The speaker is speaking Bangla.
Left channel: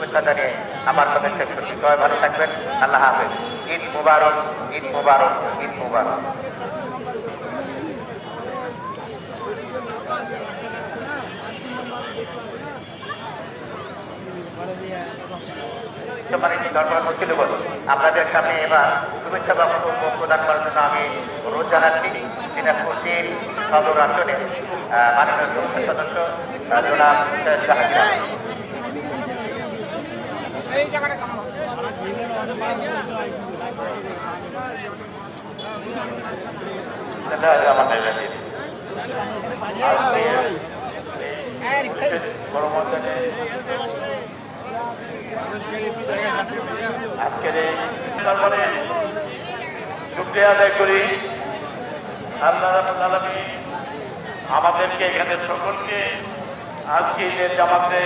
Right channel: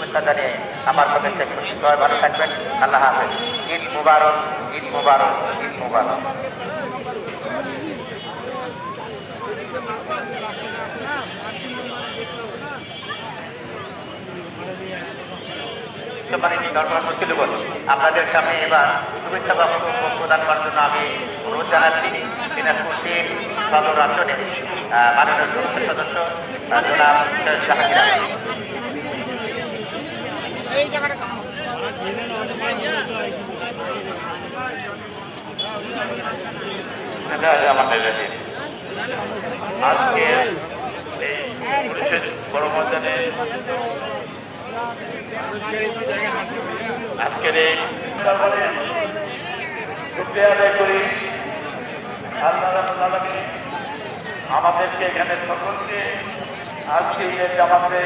শুভেচ্ছা জানিয়ে আমার পক্ষ থেকে সবাই ভালো থাকবেন। আল্লাহ হাফেজ। ঈদ মুবারক, ঈদ মুবারক, ঈদ মুবারক। আপনাদের সামনে এবার শুভেচ্ছা প্রদান করার জন্য আমি অনুরোধ জানাচ্ছি দিনাজপুর সদর অঞ্চলের মাননীয় সংসদ সদস্য জনাব জাহাঙ্গীর আলম। আজকের এই শুকরিয়া আদায় করি আল্লাহ রাব্বুল আলামিন আমাদেরকে এখানে সকলকে আজকে জামাতে